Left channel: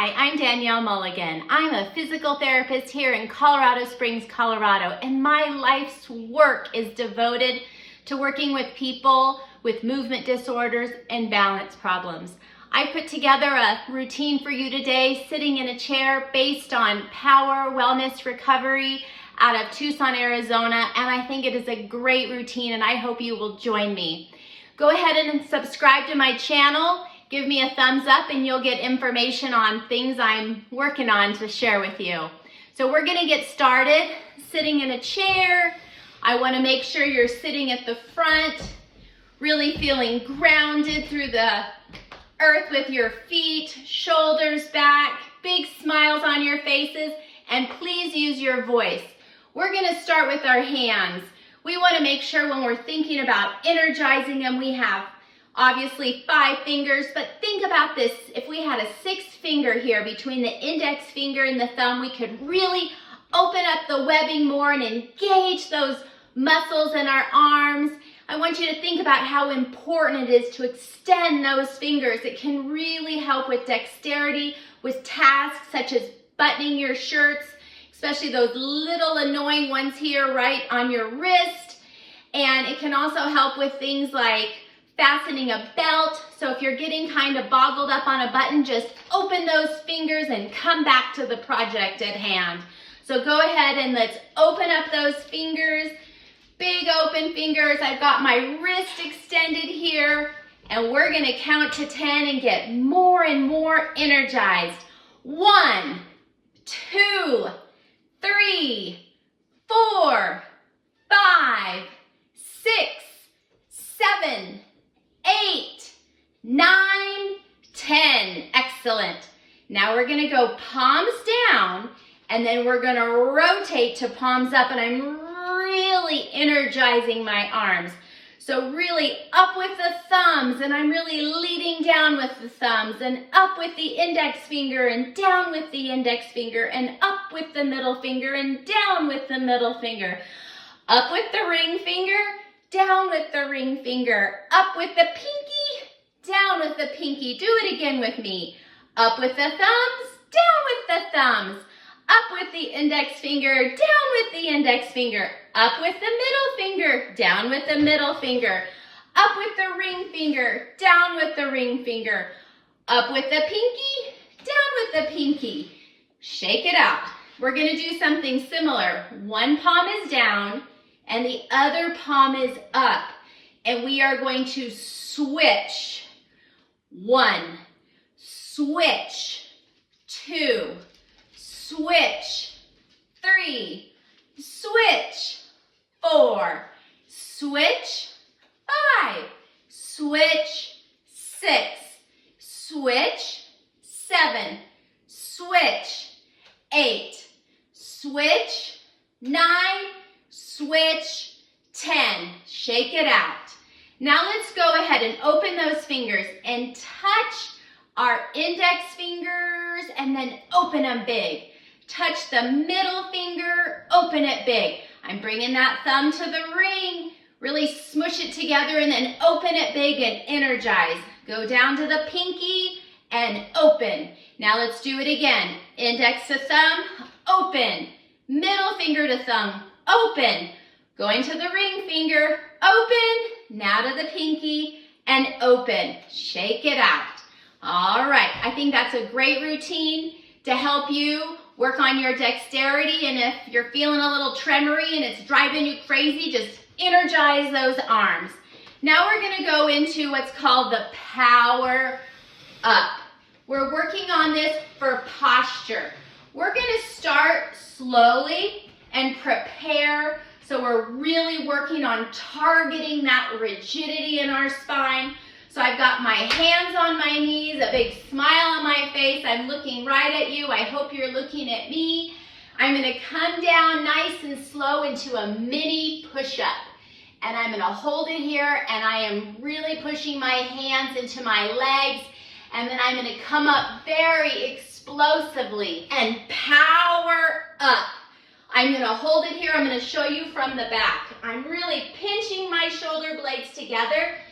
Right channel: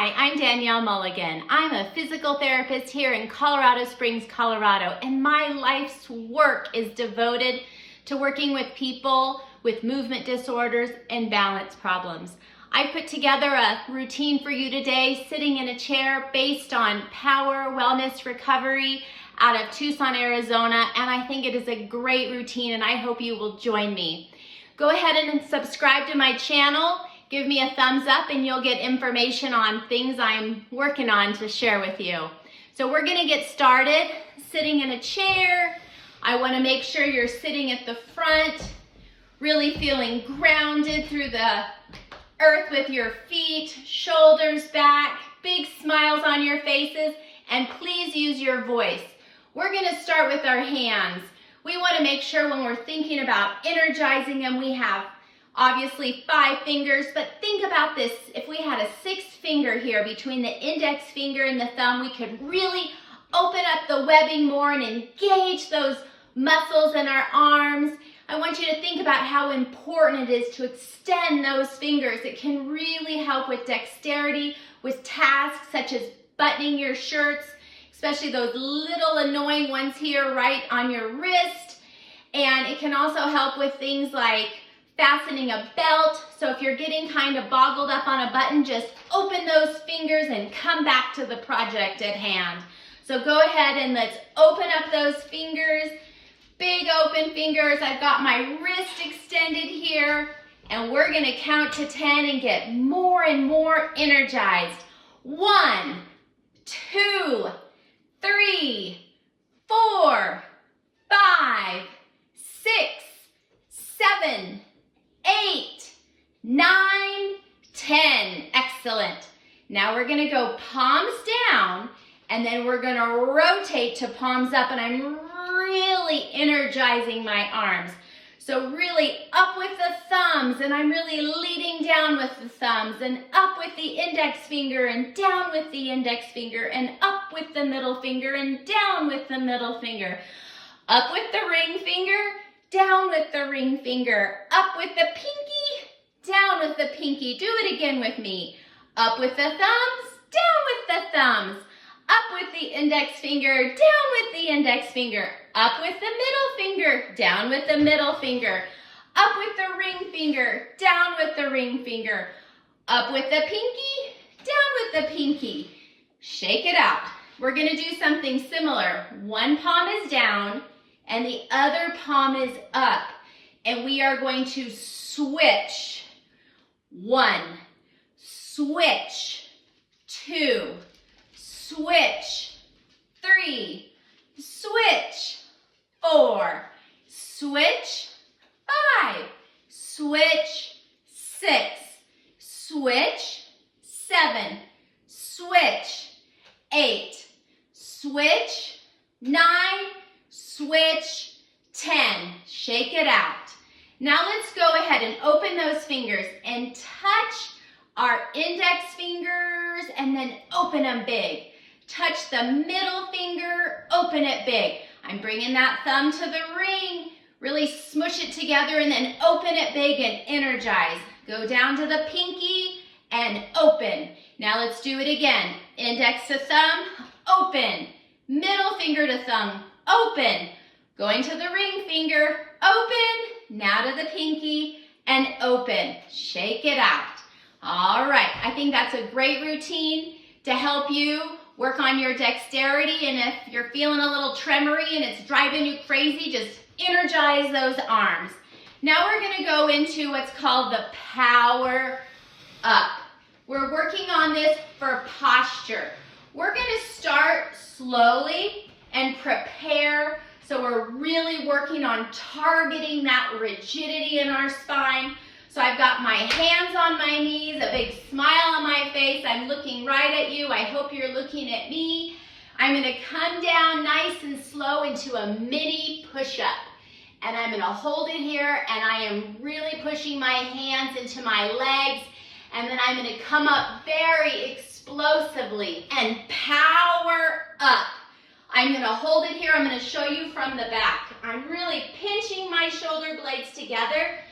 Hi, I'm Danielle Mulligan. I'm a physical therapist here in Colorado Springs, Colorado, and my life's work is devoted to working with people with movement disorders and balance problems. I put together a routine for you today, sitting in a chair based on power, wellness, recovery out of Tucson, Arizona, and I think it is a great routine and I hope you will join me. Go ahead and subscribe to my channel. Give me a thumbs up and you'll get information on things I'm working on to share with you. So we're gonna get started sitting in a chair. I wanna make sure you're sitting at the front, really feeling grounded through the earth with your feet, shoulders back, big smiles on your faces, and please use your voice. We're gonna start with our hands. We wanna make sure when we're thinking about energizing them, we have obviously 5 fingers, but think about this. If we had a 6th finger here between the index finger and the thumb, we could really open up the webbing more and engage those muscles in our arms. I want you to think about how important it is to extend those fingers. It can really help with dexterity, with tasks such as buttoning your shirts, especially those little annoying ones here right on your wrist. And it can also help with things like fastening a belt. So if you're getting kind of boggled up on a button, just open those fingers and come back to the project at hand. So go ahead and let's open up those fingers, big open fingers. I've got my wrist extended here and we're gonna count to 10 and get more and more energized. 1, 2, 3, 4, 5, 6, 7, 8, 9, 10. Excellent. Now we're gonna go palms down and then we're gonna rotate to palms up, and I'm really energizing my arms. So really up with the thumbs, and I'm really leading down with the thumbs, and up with the index finger and down with the index finger, and up with the middle finger and down with the middle finger. Up with the ring finger, down with the ring finger, up with the pinky, down with the pinky. Do it again with me. Up with the thumbs, down with the thumbs. Up with the index finger, down with the index finger. Up with the middle finger, down with the middle finger. Up with the ring finger, down with the ring finger. Up with the pinky, down with the pinky. Shake it out. We're gonna do something similar. One palm is down, and the other palm is up. And we are going to switch. 1, switch, 2, switch, 3, switch, 4, switch, 5, switch, 6, switch, 7, switch, 8, switch, 9, switch, 10. Shake it out. Now let's go ahead and open those fingers and touch our index fingers and then open them big. Touch the middle finger, open it big. I'm bringing that thumb to the ring. Really smush it together and then open it big and energize. Go down to the pinky and open. Now let's do it again. Index to thumb, open. Middle finger to thumb, open. Going to the ring finger, open. Now to the pinky and open. Shake it out. All right, I think that's a great routine to help you work on your dexterity, and if you're feeling a little tremory and it's driving you crazy, just energize those arms. Now we're gonna go into what's called the power up. We're working on this for posture. We're gonna start slowly and prepare, so we're really working on targeting that rigidity in our spine. So I've got my hands on my knees, a big smile on my face. I'm looking right at you. I hope you're looking at me. I'm gonna come down nice and slow into a mini push-up. And I'm gonna hold it here, and I am really pushing my hands into my legs. And then I'm gonna come up very explosively and power up. I'm gonna hold it here. I'm gonna show you from the back. I'm really pinching my shoulder blades together.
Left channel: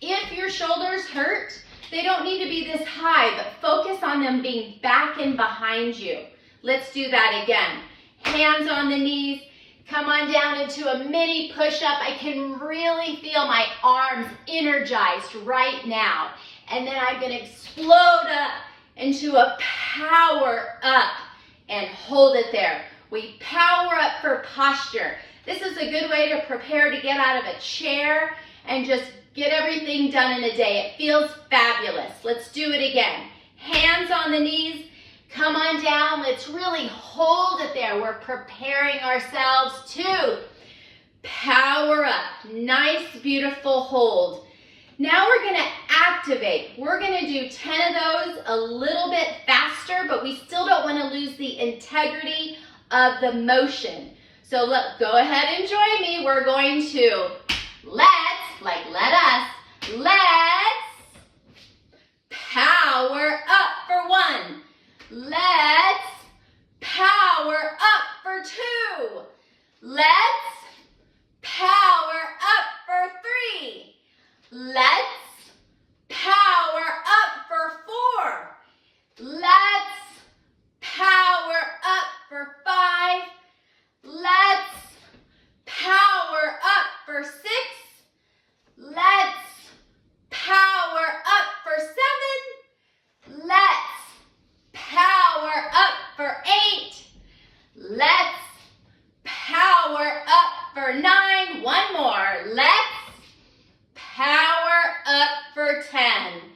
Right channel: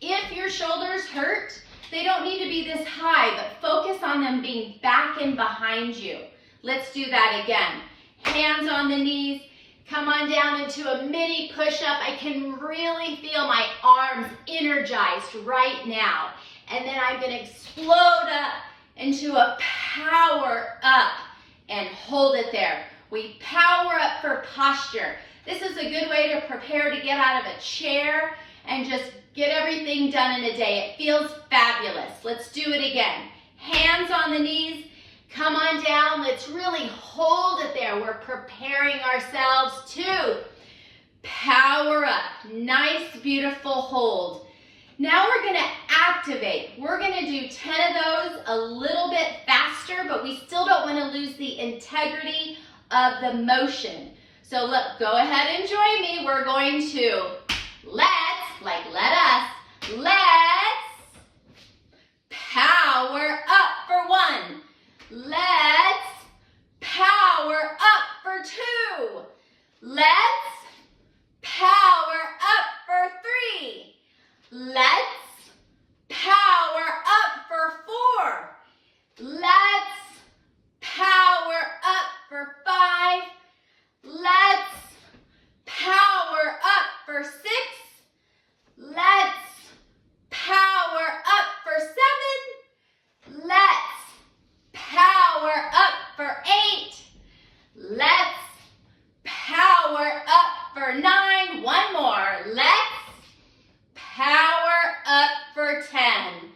If your shoulders hurt, they don't need to be this high, but focus on them being back and behind you. Let's do that again. Hands on the knees. Come on down into a mini push-up. I can really feel my arms energized right now. And then I'm gonna explode up into a power up and hold it there. We power up for posture. This is a good way to prepare to get out of a chair and just get everything done in a day. It feels fabulous. Let's do it again. Hands on the knees. Come on down. Let's really hold it there. We're preparing ourselves to power up. Nice, beautiful hold. Now we're going to activate. We're going to do 10 of those a little bit faster, but we still don't want to lose the integrity of the motion. So look, go ahead and join me. We're going to let us power up for 1. Let's power up for 2. Let's power up for 3. Let's power up for 4. Let's power up for 5. Let's power up for 6. Let's power up for 7. Let's power up for 8. Let's power up for 9. One more. Let's power up for 10.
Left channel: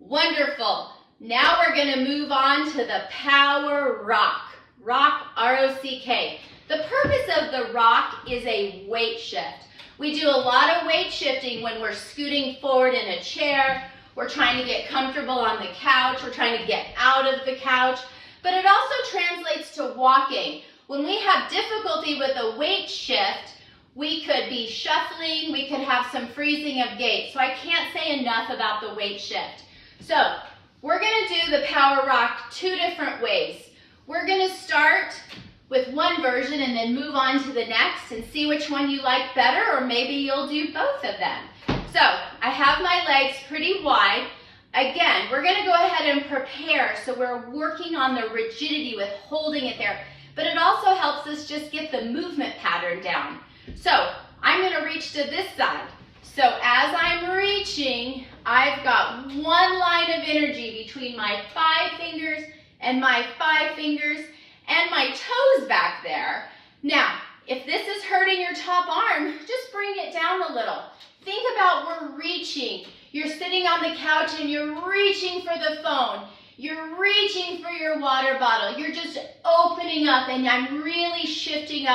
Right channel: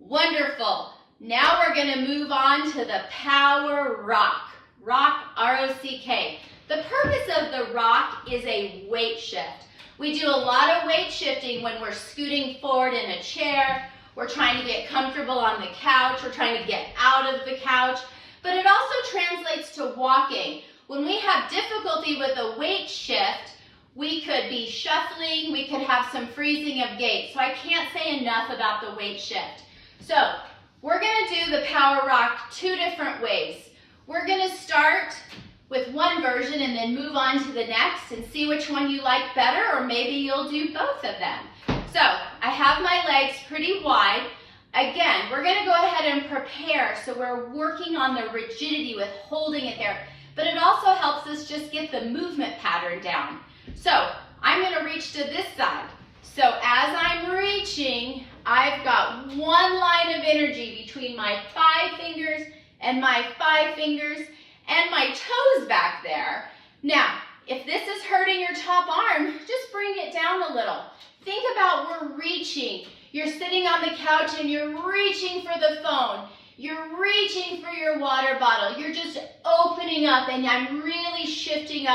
Wonderful. Now we're going to move on to the power rock. Rock, R-O-C-K. The purpose of the rock is a weight shift. We do a lot of weight shifting when we're scooting forward in a chair. We're trying to get comfortable on the couch. We're trying to get out of the couch. But it also translates to walking. When we have difficulty with a weight shift, we could be shuffling. We could have some freezing of gait. So I can't say enough about the weight shift. So we're going to do the power rock 2 different ways. We're going to start with one version and then move on to the next and see which one you like better, or maybe you'll do both of them. So I have my legs pretty wide. Again, we're going to go ahead and prepare, so we're working on the rigidity with holding it there, but it also helps us just get the movement pattern down. So I'm going to reach to this side. So as I'm reaching, I've got one line of energy between my 5 fingers and my 5 fingers and my toes back there. Now, if this is hurting your top arm, just bring it down a little. Think about we're reaching. You're sitting on the couch and you're reaching for the phone. You're reaching for your water bottle. You're just opening up, and I'm really shifting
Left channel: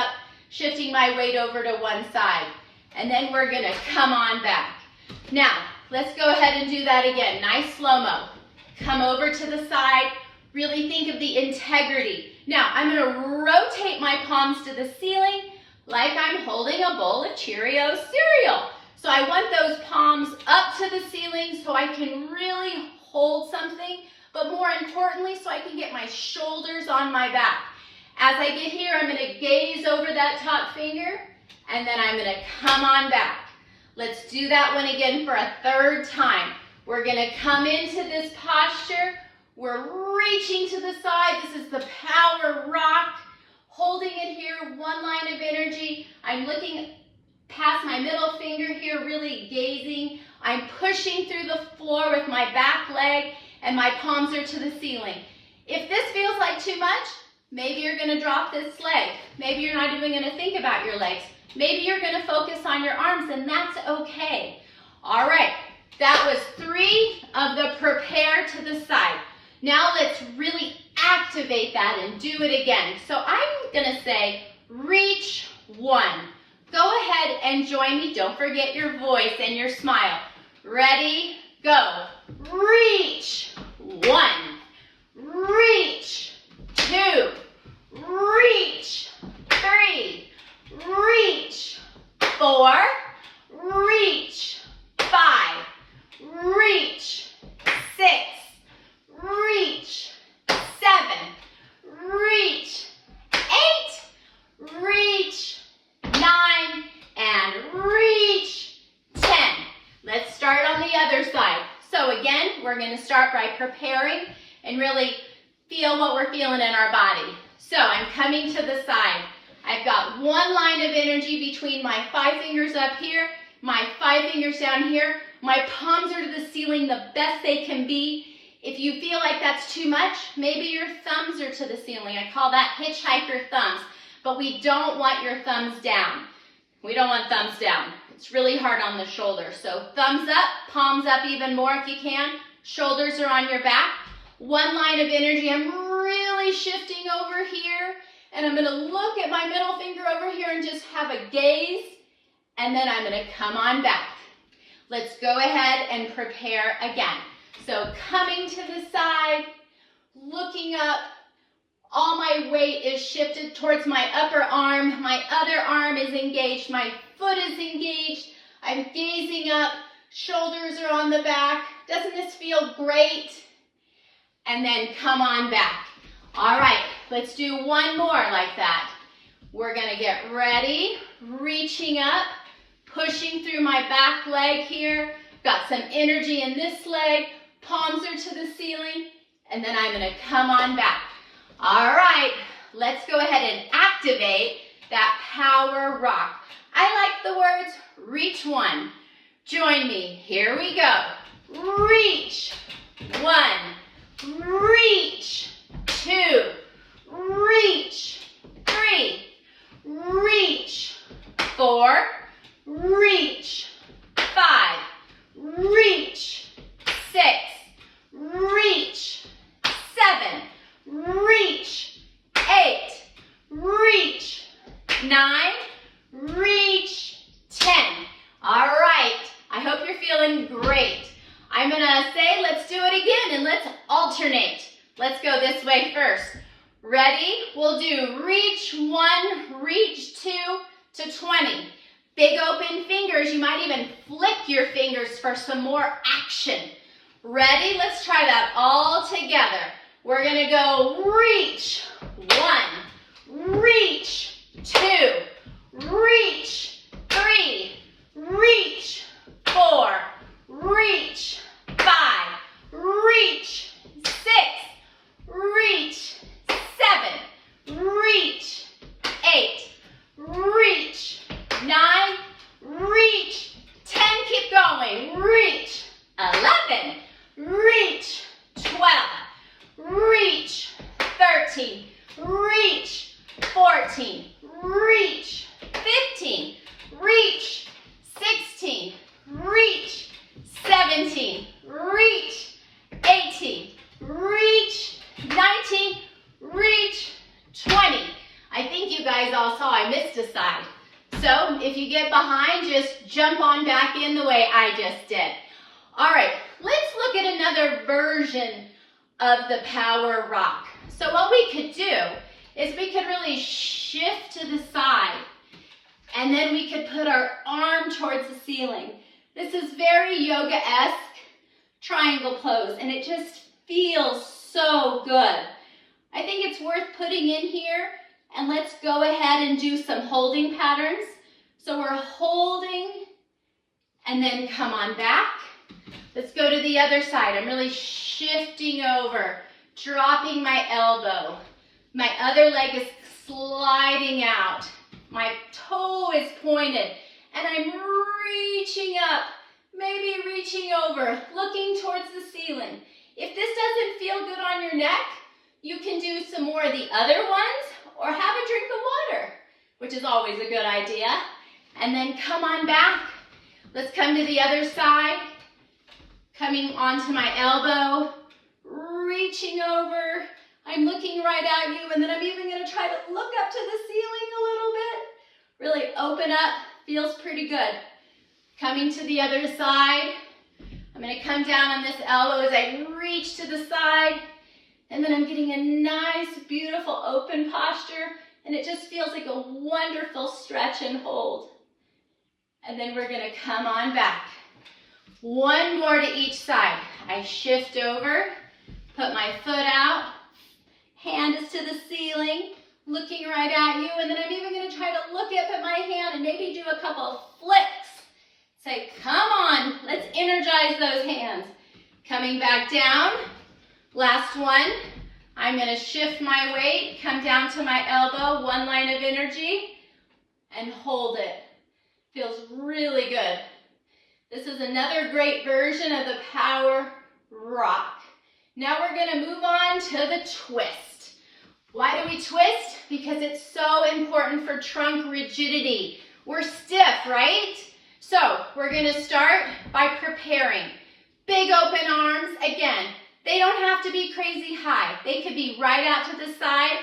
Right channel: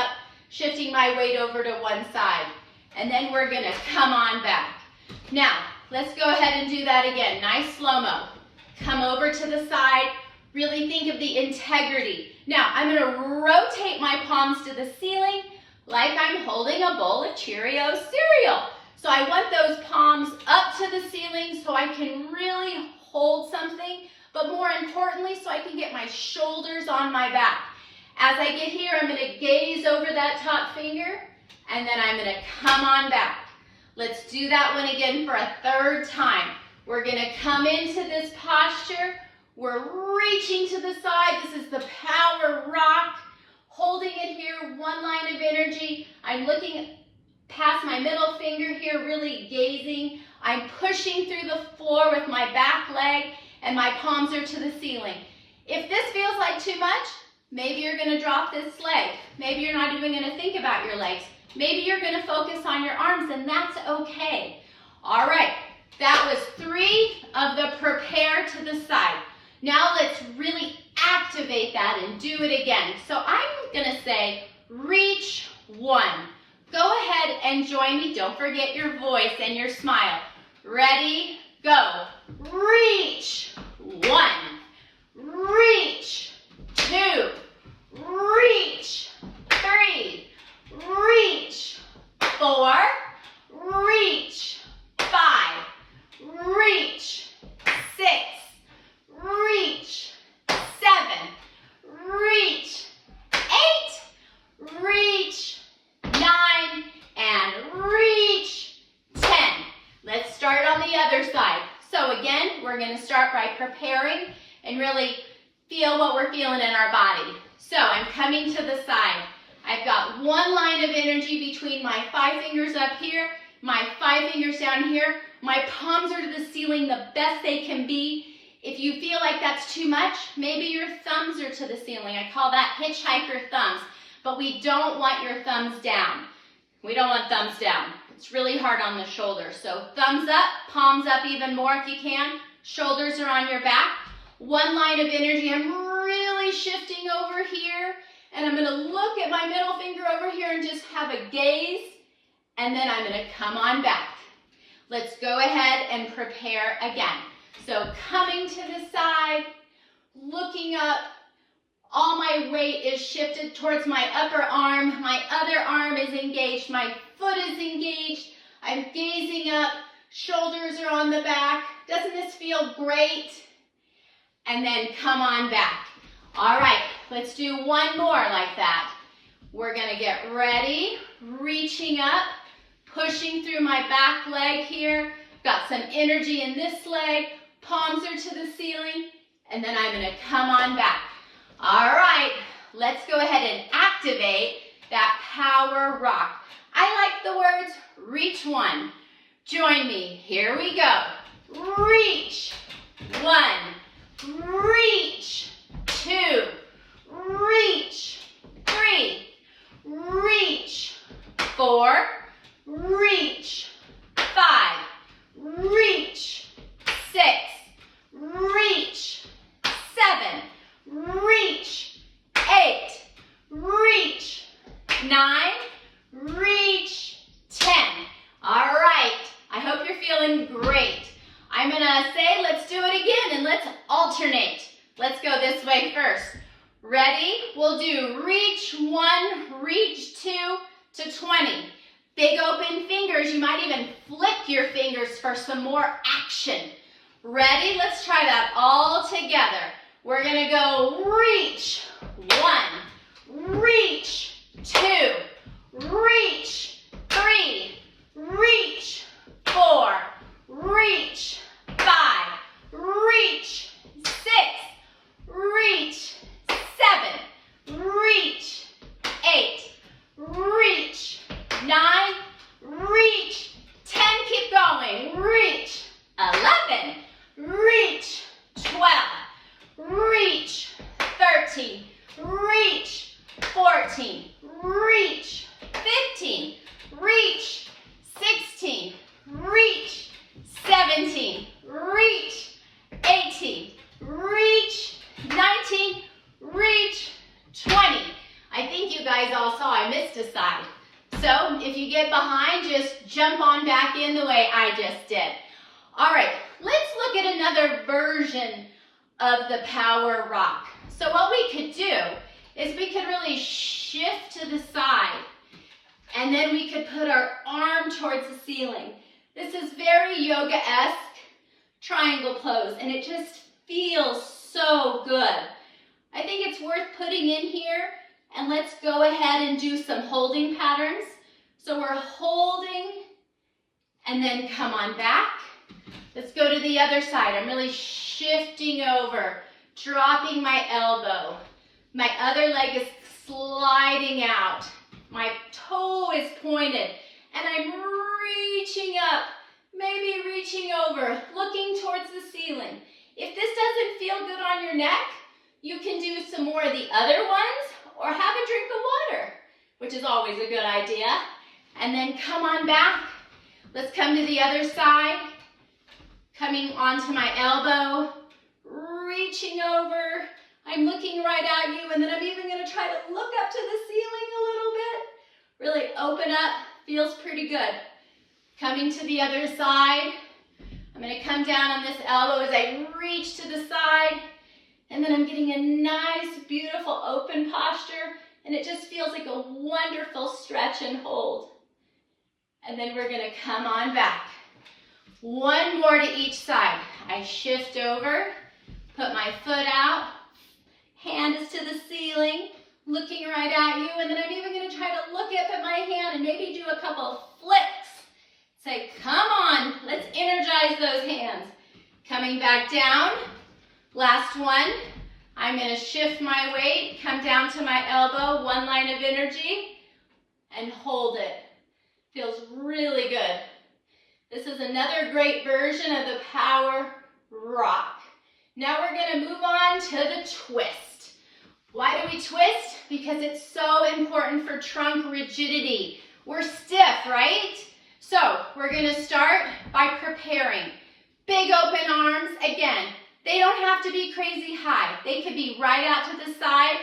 my weight over to one side. And then we're gonna come on back. Now, let's go ahead and do that again. Nice slow-mo. Come over to the side. Really think of the integrity. Now, I'm gonna rotate my palms to the ceiling like I'm holding a bowl of Cheerios cereal. So I want those palms up to the ceiling so I can really hold something, but more importantly, so I can get my shoulders on my back. As I get here, I'm gonna gaze over that top finger, and then I'm gonna come on back. Let's do that one again for a 3rd time. We're gonna come into this posture. We're reaching to the side. This is the power rock. Holding it here, one line of energy. I'm looking past my middle finger here, really gazing. I'm pushing through the floor with my back leg, and my palms are to the ceiling. If this feels like too much, maybe you're gonna drop this leg. Maybe you're not even gonna think about your legs. Maybe you're gonna focus on your arms, and that's okay. All right, that was 3 of the prepare to the side. Now let's really activate that and do it again. So I'm gonna say, reach 1. Go ahead and join me. Don't forget your voice and your smile. Ready, go. Reach 1. Reach 2. Reach 3. Reach 4. Reach 5. Reach 6. Reach 7, reach 8, reach 9, and reach 10. Let's start on the other side. So again, we're going to start by preparing, and really feel what we're feeling in our body. So I'm coming to the side. I've got one line of energy between my 5 fingers up here, my 5 fingers down here. My palms are to the ceiling the best they can be. If you feel like that's too much, maybe your thumbs are to the ceiling. I call that hitchhiker thumbs, but we don't want your thumbs down. We don't want thumbs down. It's really hard on the shoulders. So thumbs up, palms up even more if you can. Shoulders are on your back. One line of energy. I'm really shifting over here, and I'm going to look at my middle finger over here and just have a gaze, and then I'm going to come on back. Let's go ahead and prepare again. So coming to the side, looking up. All my weight is shifted towards my upper arm. My other arm is engaged. My foot is engaged. I'm gazing up. Shoulders are on the back. Doesn't this feel great? And then come on back. All right, let's do one more like that. We're gonna get ready, reaching up, pushing through my back leg here. Got some energy in this leg. Palms are to the ceiling. And then I'm gonna come on back. All right, let's go ahead and activate that power rock. I like the words reach one. Join me, here we go. Reach, 1, reach, 2, reach, 3, reach, 4, reach, 5, reach, 6, reach, 7, reach, 8, reach, 9, reach, 10. All right, I hope you're feeling great. I'm gonna say, let's do it again and let's alternate. Let's go this way first. Ready? We'll do reach 1, reach 2 to 20. Big open fingers. You might even flick your fingers for some more action. Ready? Let's try that all together. We're gonna go reach 1, reach 2, reach 3, reach 4, reach 5, reach 6, reach 7, reach 8, reach 9, reach 10, keep going, reach 11, reach 12, reach 13, reach 14, reach 15, reach 16, reach 17, reach 18, reach 19, reach 20. I think you guys all saw I missed a side. So if you get behind, just jump on back in the way I just did. All right, let's look at another version of the power rock. So what we could do is we could really shift to the side, and then we could put our arm towards the ceiling. This is very yoga-esque triangle pose, and it just feels so good. I think it's worth putting in here, and let's go ahead and do some holding patterns. So we're holding, and then come on back. Let's go to the other side. I'm really shifting over, dropping my elbow. My other leg is sliding out. My toe is pointed, and I'm reaching up, maybe reaching over, looking towards the ceiling. If this doesn't feel good on your neck, you can do some more of the other ones, or have a drink of water, which is always a good idea. And then come on back. Let's come to the other side. Coming onto my elbow, reaching over. I'm looking right at you, and then I'm even going to try to look up to the ceiling a little bit. Really open up, feels pretty good. Coming to the other side. I'm going to come down on this elbow as I reach to the side, and then I'm getting a nice, beautiful open posture, and it just feels like a wonderful stretch and hold. And then we're going to come on back. One more to each side. I shift over, put my foot out, hand is to the ceiling, looking right at you, and then I'm even going to try to look up at my hand and maybe do a couple of flicks. Say, come on, let's energize those hands. Coming back down, Last one. I'm gonna shift my weight, come down to my elbow, one line of energy, and hold it. Feels really good. This is another great version of the power rock. Now we're gonna move on to the twist. Why do we twist? Because it's so important for trunk rigidity. We're stiff, right? So we're gonna start by preparing. Big open arms, again, they don't have to be crazy high. They could be right out to the side.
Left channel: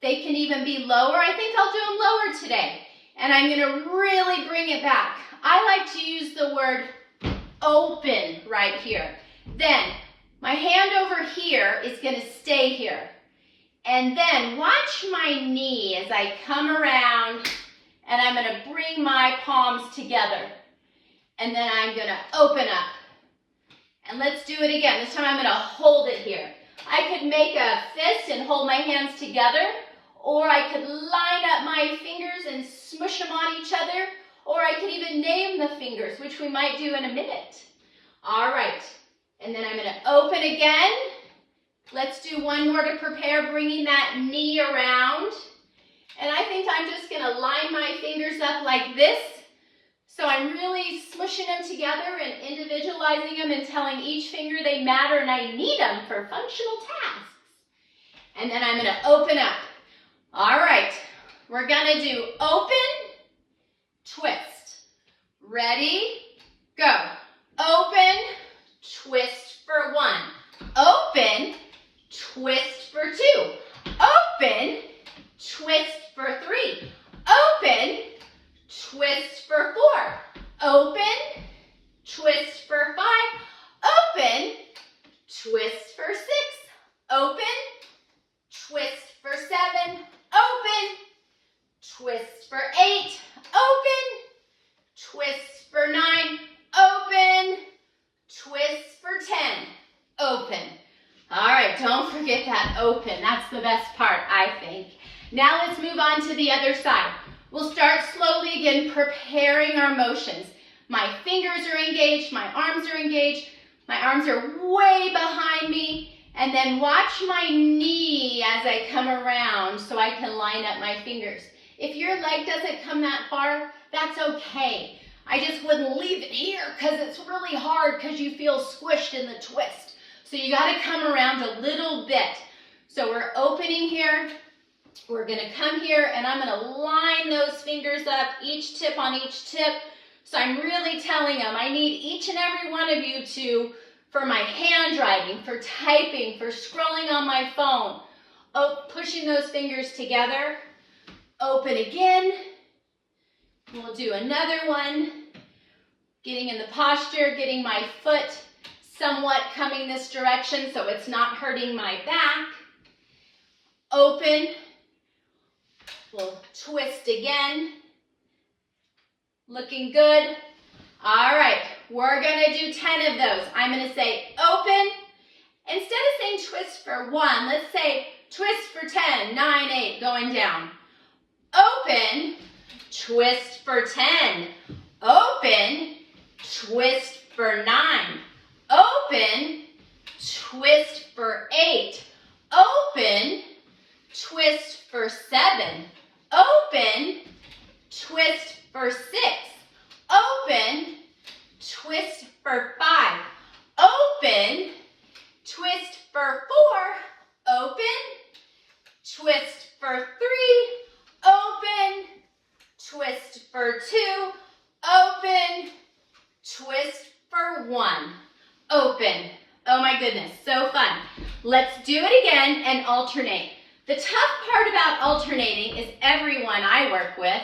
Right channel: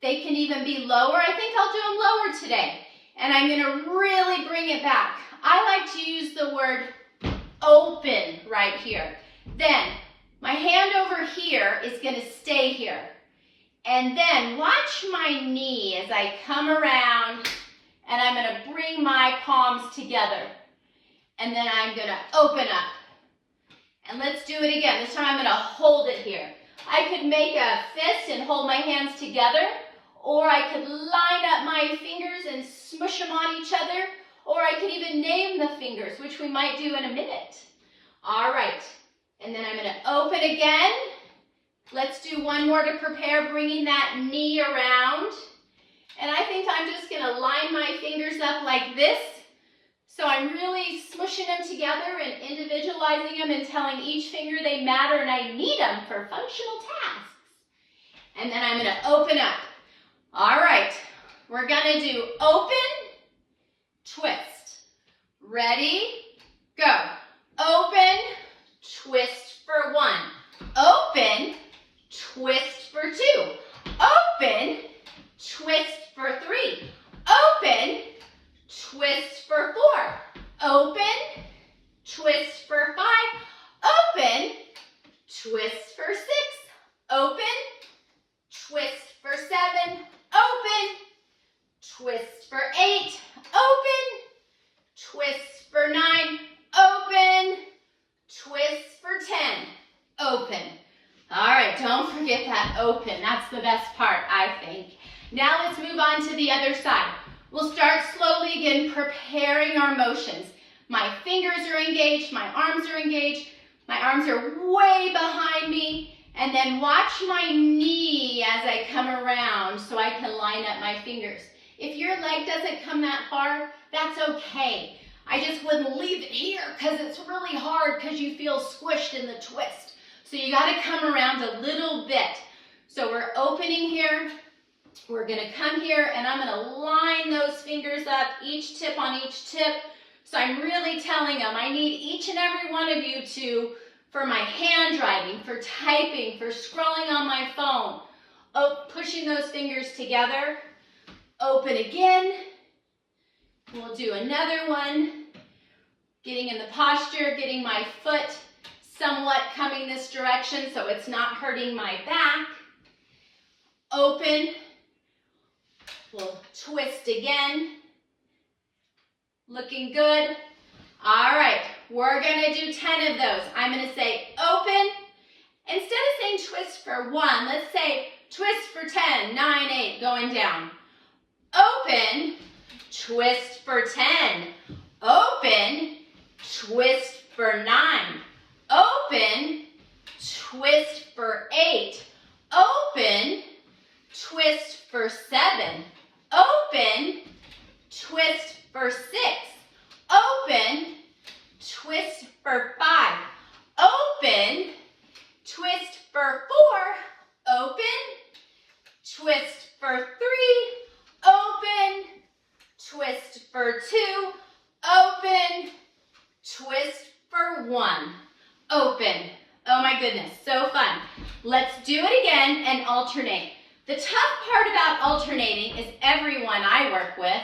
They can even be lower. I think I'll do them lower today. And I'm gonna really bring it back. I like to use the word open right here. Then my hand over here is gonna stay here. And then watch my knee as I come around and I'm gonna bring my palms together. And then I'm gonna open up. And let's do it again. This time I'm gonna hold it here. I could make a fist and hold my hands together, or I could line up my fingers and smush them on each other, or I could even name the fingers, which we might do in a minute. All right, and then I'm gonna open again. Let's do one more to prepare, bringing that knee around. And I think I'm just gonna line my fingers up like this. So I'm really smushing them together and individualizing them and telling each finger they matter and I need them for functional tasks. And then I'm gonna open up. All right, we're gonna do open, twist. Ready, go. Open, twist for one. Open, twist for two. Open, twist for three. Open, twist for four. Open, twist for five. Open, twist for six. Open, twist for seven. Open, twist for eight. Open, twist for nine. Open, twist for 10. Open. All right, don't forget that open. That's the best part, I think. Now let's move on to the other side. We'll start slowly again, preparing our motions. My fingers are engaged, my arms are engaged, my arms are way behind me, and then watch my knee as I come around so I can line up my fingers. If your leg doesn't come that far, that's okay. I just wouldn't leave it here because it's really hard because you feel squished in the twist. So you gotta come around a little bit. So we're opening here. We're gonna come here and I'm gonna line those fingers up, each tip on each tip. So I'm really telling them I need each and every one of you to, for my handwriting, for typing, for scrolling on my phone, pushing those fingers together. Open again. And we'll do another one. Getting in the posture, getting my foot somewhat coming this direction so it's not hurting my back. Open. We'll twist again. Looking good. All right, we're gonna do 10 of those. I'm gonna say open. Instead of saying twist for one, let's say twist for 10, 9, 8, going down. Open, twist for 10. Open, twist for 9. Open, twist for 8. Open, twist for 7. Open, twist for 6. Open, twist for 5. Open, twist for 4. Open, twist for 3. Open, twist for 2. Open, twist for 1. Open. Oh my goodness, so fun. Let's do it again and alternate. The tough part about alternating is everyone I work with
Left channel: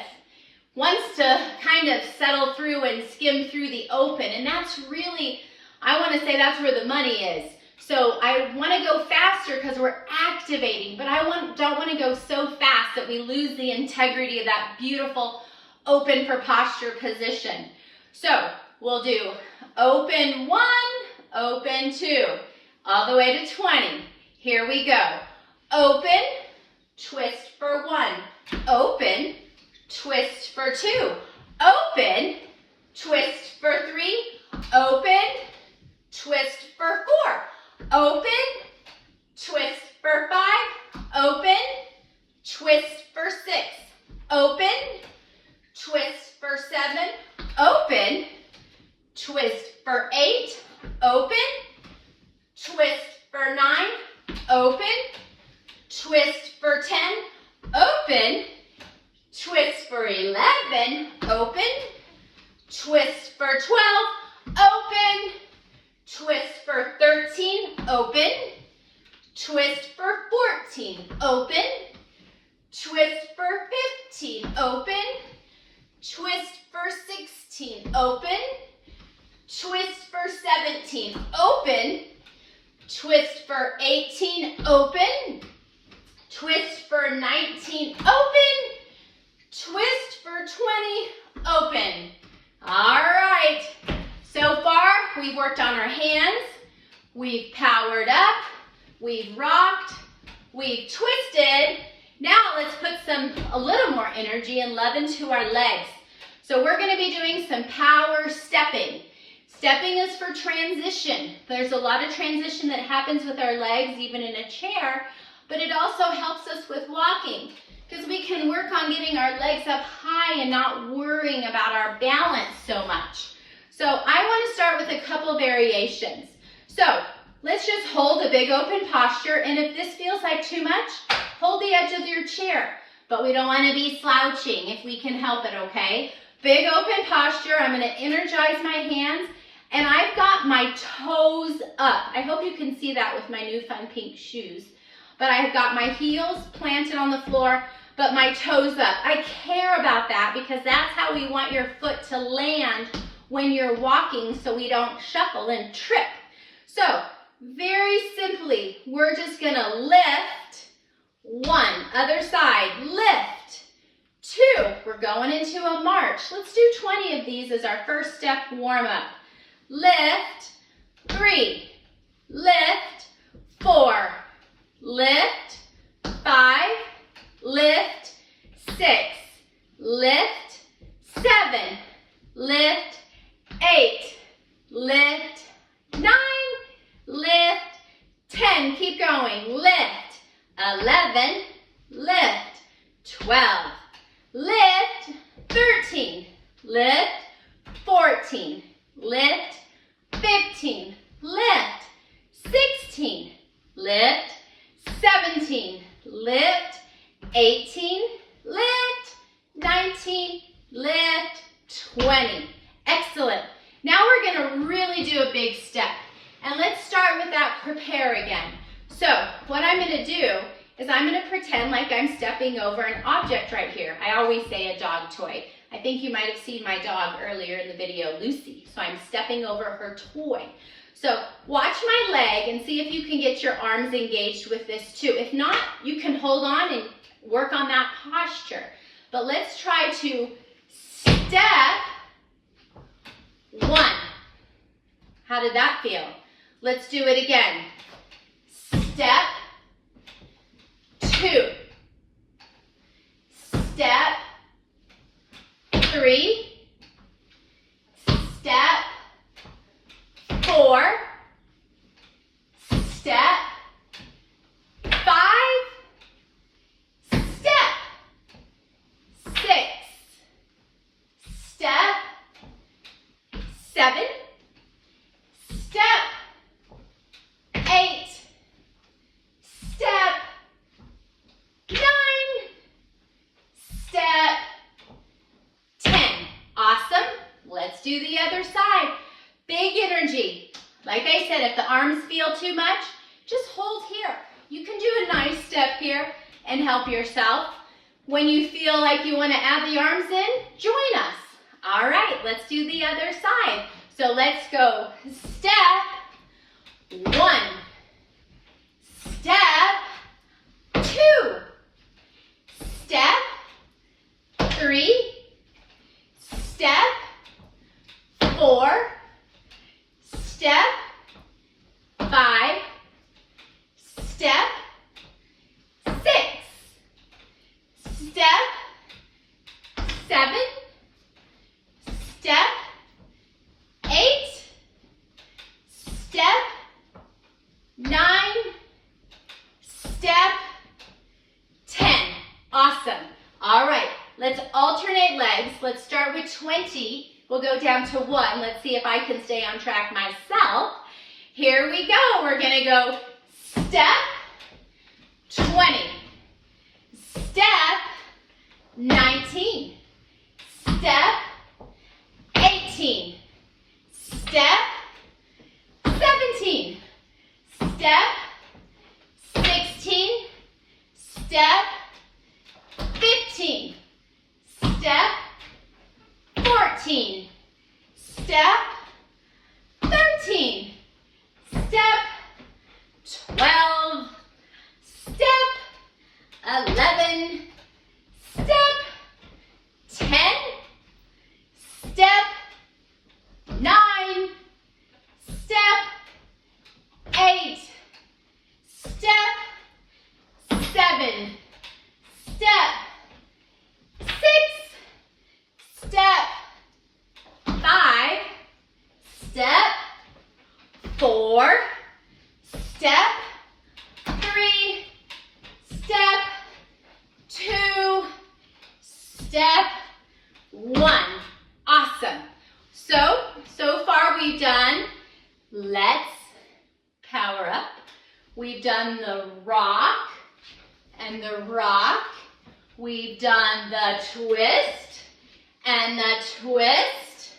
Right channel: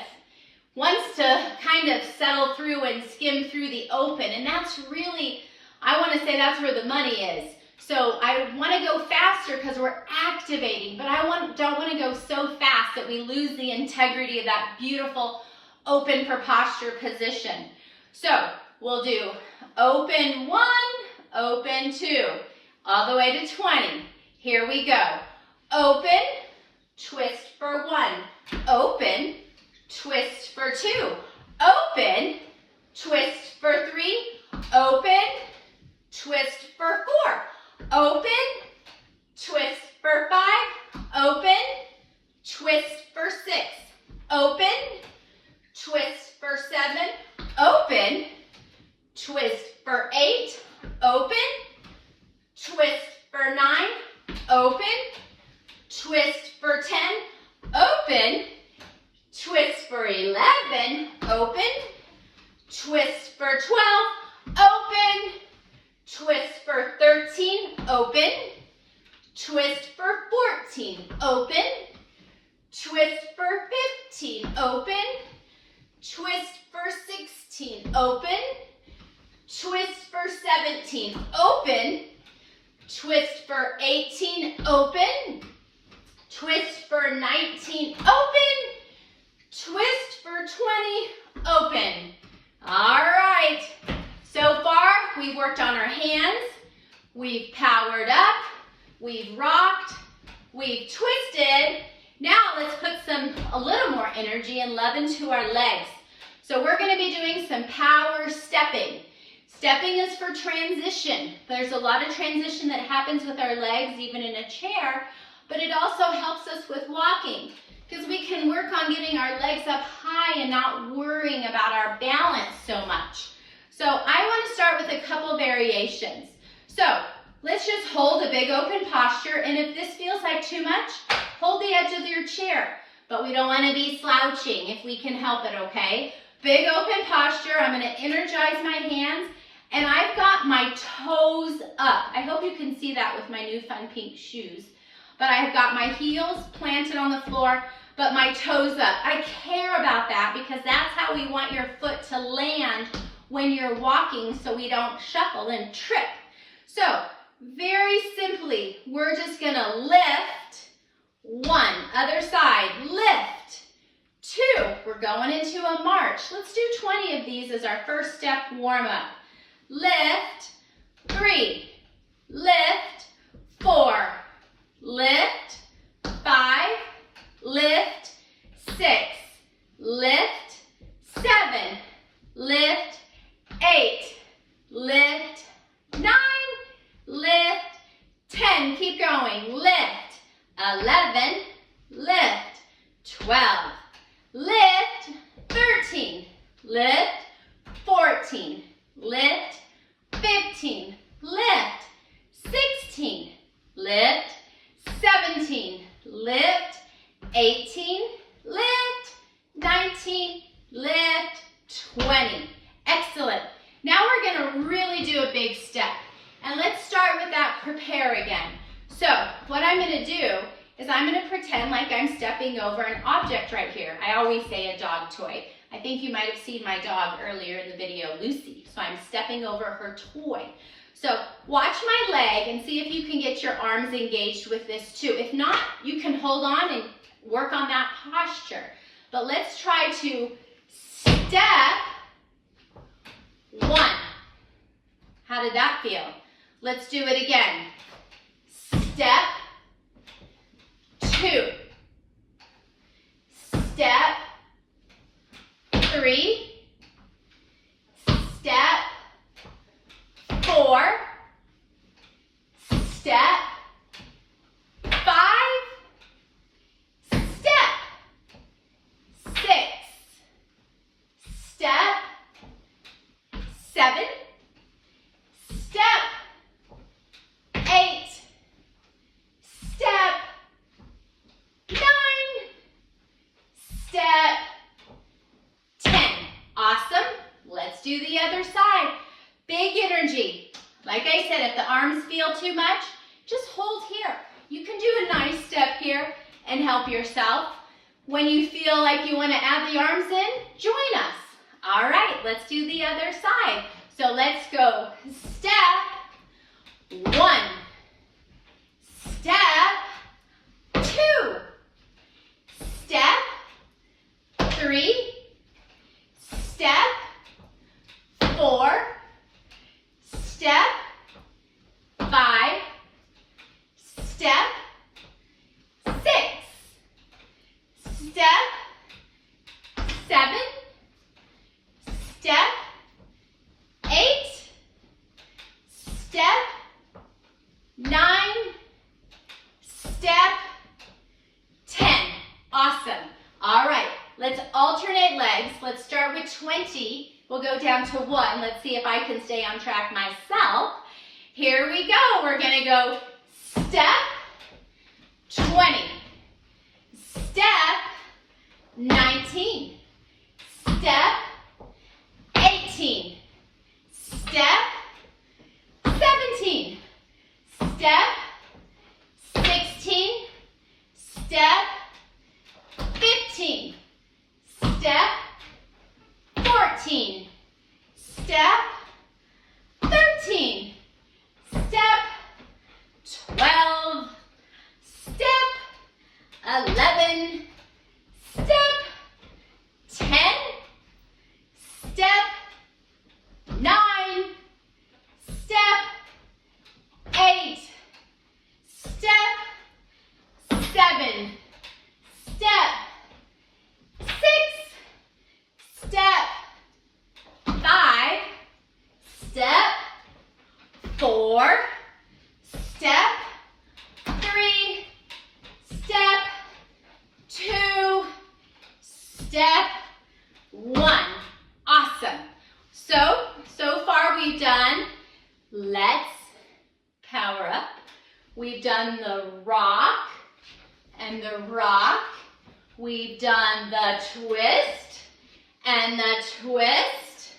wants to kind of settle through and skim through the open, and that's really, I want to say that's where the money is. So I want to go faster because we're activating, but I don't want to go so fast that we lose the integrity of that beautiful open for posture position. So we'll do open 1, open 2, all the way to 20. Here we go. Open, twist for 1. Open, twist for 2. Open, twist for 3. Open, twist for 4. Open, for 9, open, twist for 10, open, twist for 11, open, twist for 12, open, twist for 13, open, twist for 14, open, twist for 15, open, twist for 16, open, twist for 17, open, twist for 18, open, twist for 19, open, twist for 20, open. All right, so far we've worked on our hands, we've powered up, we've rocked, we've twisted. Now let's put a little more energy and love into our legs. So we're gonna be doing some power stepping. Stepping is for transition. There's a lot of transition that happens with our legs, even in a chair, but it also helps us with walking because we can work on getting our legs up high and not worrying about our balance so much. So I want to start with a couple variations. So let's just hold a big open posture, and if this feels like too much, hold the edge of your chair, but we don't want to be slouching if we can help it, okay? Big open posture. I'm going to energize my hands. And I've got my toes up. I hope you can see that with my new fun pink shoes. But I've got my heels planted on the floor, but my toes up. I care about that because that's how we want your foot to land when you're walking so we don't shuffle and trip. So very simply, we're just gonna lift. 1, other side, lift. 2, we're going into a march. Let's do 20 of these as our first step warm up. Lift, 3, lift, 4, lift, 5, lift, 6, lift, 7, lift, 8, lift, 9, lift, 10, keep going, lift, 11, lift, 12, lift, 13, lift, 14, lift, 15, lift, 16, lift, 17, lift, 18, lift, 19, lift, 20. Excellent. Now we're going to really do a big step. And let's start with that prepare again. So what I'm going to do is I'm going to pretend like I'm stepping over an object right here. I always say a dog toy. I think you might have seen my dog earlier in the video, Lucy. So I'm stepping over her toy. So watch my leg and see if you can get your arms engaged with this too. If not, you can hold on and work on that posture. But let's try to step 1. How did that feel? Let's do it again. Step 2. Step 3. Step 4. Step 5. Step 6. Step 7. Step 8. Step 9. Step 10. Awesome. Let's do the other side. Big energy. Like I said, if the arms feel too much, just hold here. You can do a nice step here and help yourself. When you feel like you want to add the arms in, join us. All right, let's do the other side. So let's go step 1, step 2, step 3, step 4, step 5, step 6, step 7, step 8, step 9, step 10. Awesome. All right, let's alternate legs. Let's start with 20. We'll go down to 1. Let's see if I can stay on track myself. Here we go. We're going to go step, 20, step, 19, step, 18, step, 17, step, 16, step, 15, step, 14, step, 13, step, 12, step, 11, step, 10, step, 9, step, 8, step, 7, step, 6, step, 5, step, 4, step, 3, step, 2, step, 1. Awesome. So far we've done let's power up. We've done the rock and the rock. We've done the twist and the twist.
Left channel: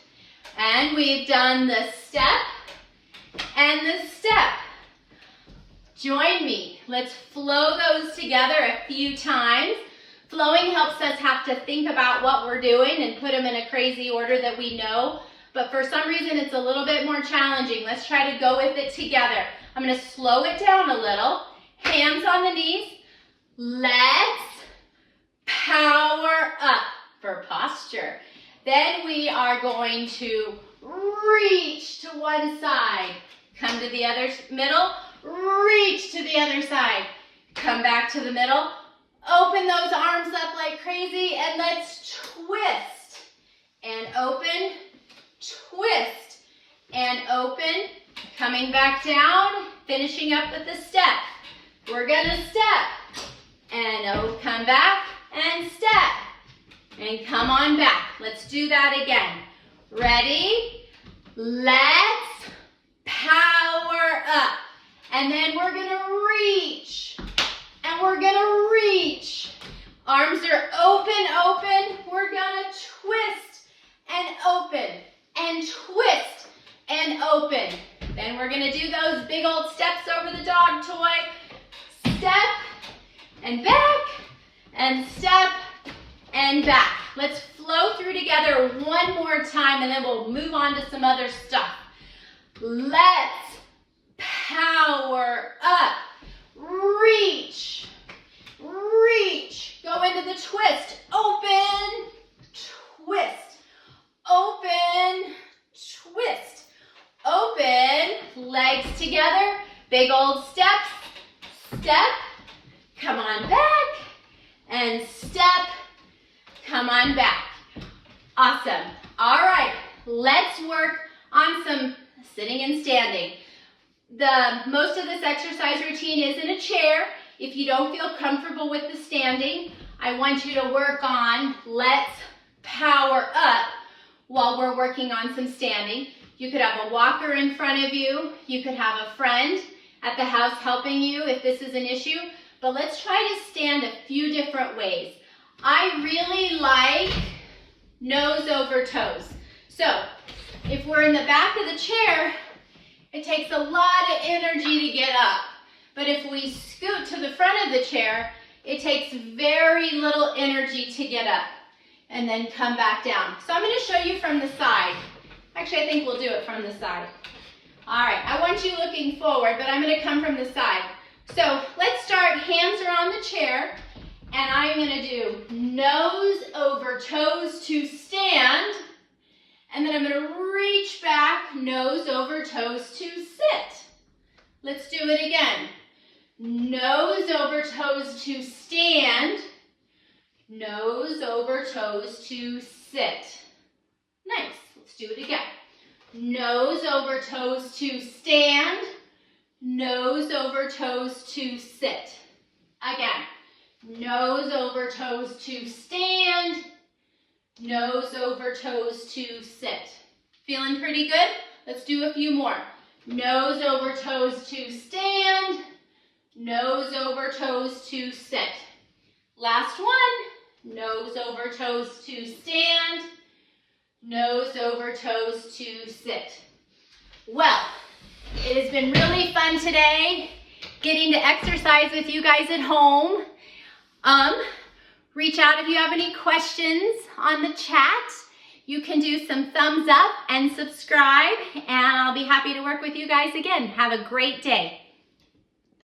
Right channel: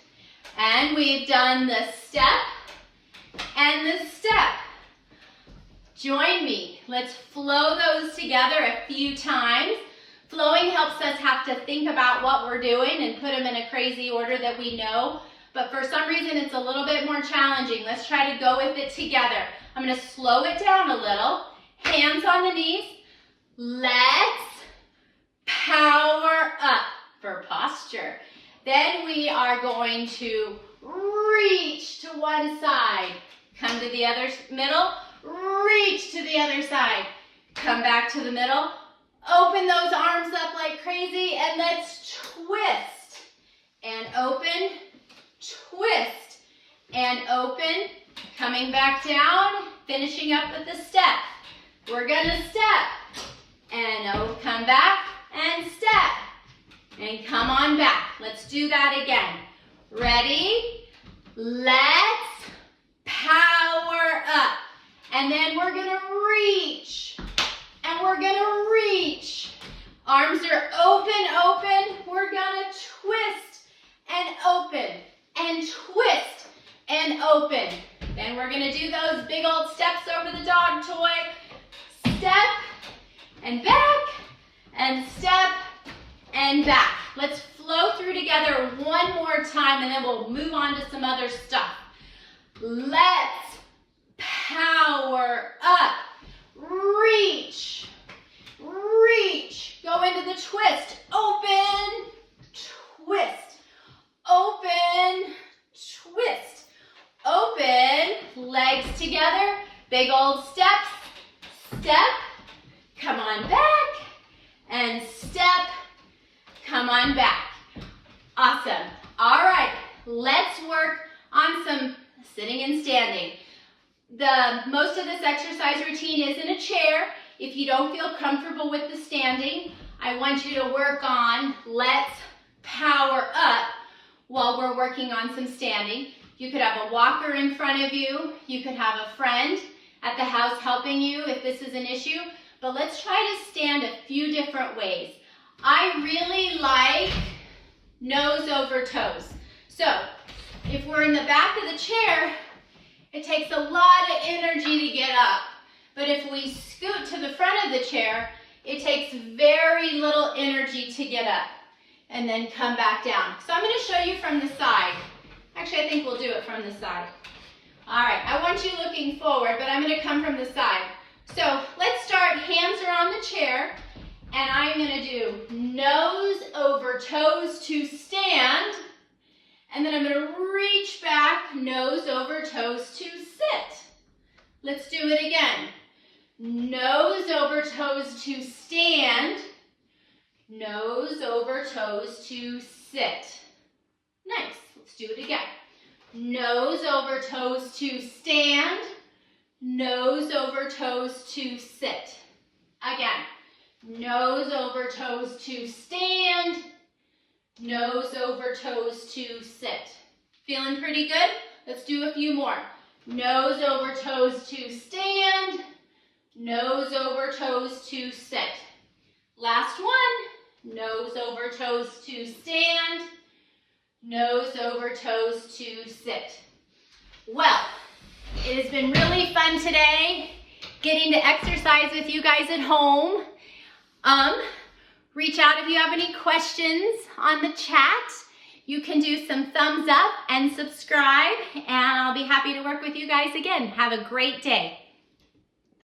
And we've done the step and the step. Join me. Let's flow those together a few times. Flowing helps us have to think about what we're doing and put them in a crazy order that we know. But for some reason, it's a little bit more challenging. Let's try to go with it together. I'm going to slow it down a little. Hands on the knees. Let's power up for posture. Then we are going to reach to one side. Come to the other middle. Reach to the other side. Come back to the middle. Open those arms up like crazy and let's twist. And open, twist, and open. Coming back down, finishing up with the step. We're gonna step. And come back and step. And come on back. Let's do that again. Ready? Let's power up. And then we're gonna reach. And we're gonna reach. Arms are open, open. We're gonna twist and open and twist and open. Then we're gonna do those big old steps over the dog toy. Step and back and step and back. Let's flow through together one more time and then we'll move on to some other stuff. Let's power up. Reach, reach, go into the twist, open, twist, open, twist, open, legs together, big old steps, step, come on back, and step, come on back. Awesome. All right, let's work on some sitting and standing. Most of this exercise routine is in a chair. If you don't feel comfortable with the standing, I want you to work on let's power up while we're working on some standing. You could have a walker in front of you. You could have a friend at the house helping you if this is an issue. But let's try to stand a few different ways. I really like nose over toes. So if we're in the back of the chair, it takes a lot of energy to get up. But if we scoot to the front of the chair, it takes very little energy to get up and then come back down. So I'm going to show you from the side. Actually, I think we'll do it from the side. All right, I want you looking forward, but I'm going to come from the side. So let's start, hands are on the chair, and I'm going to do nose over toes to stand. And then I'm going to reach back, nose over toes to sit. Let's do it again. Nose over toes to stand. Nose over toes to sit. Nice. Let's do it again. Nose over toes to stand. Nose over toes to sit. Again. Nose over toes to stand. Nose over toes to sit. Feeling pretty good? Let's do a few more. Nose over toes to stand. Nose over toes to sit. Last one. Nose over toes to stand. Nose over toes to sit. Well, it has been really fun today getting to exercise with you guys at home. Reach out if you have any questions on the chat. You can do some thumbs up and subscribe, and I'll be happy to work with you guys again. Have a great day.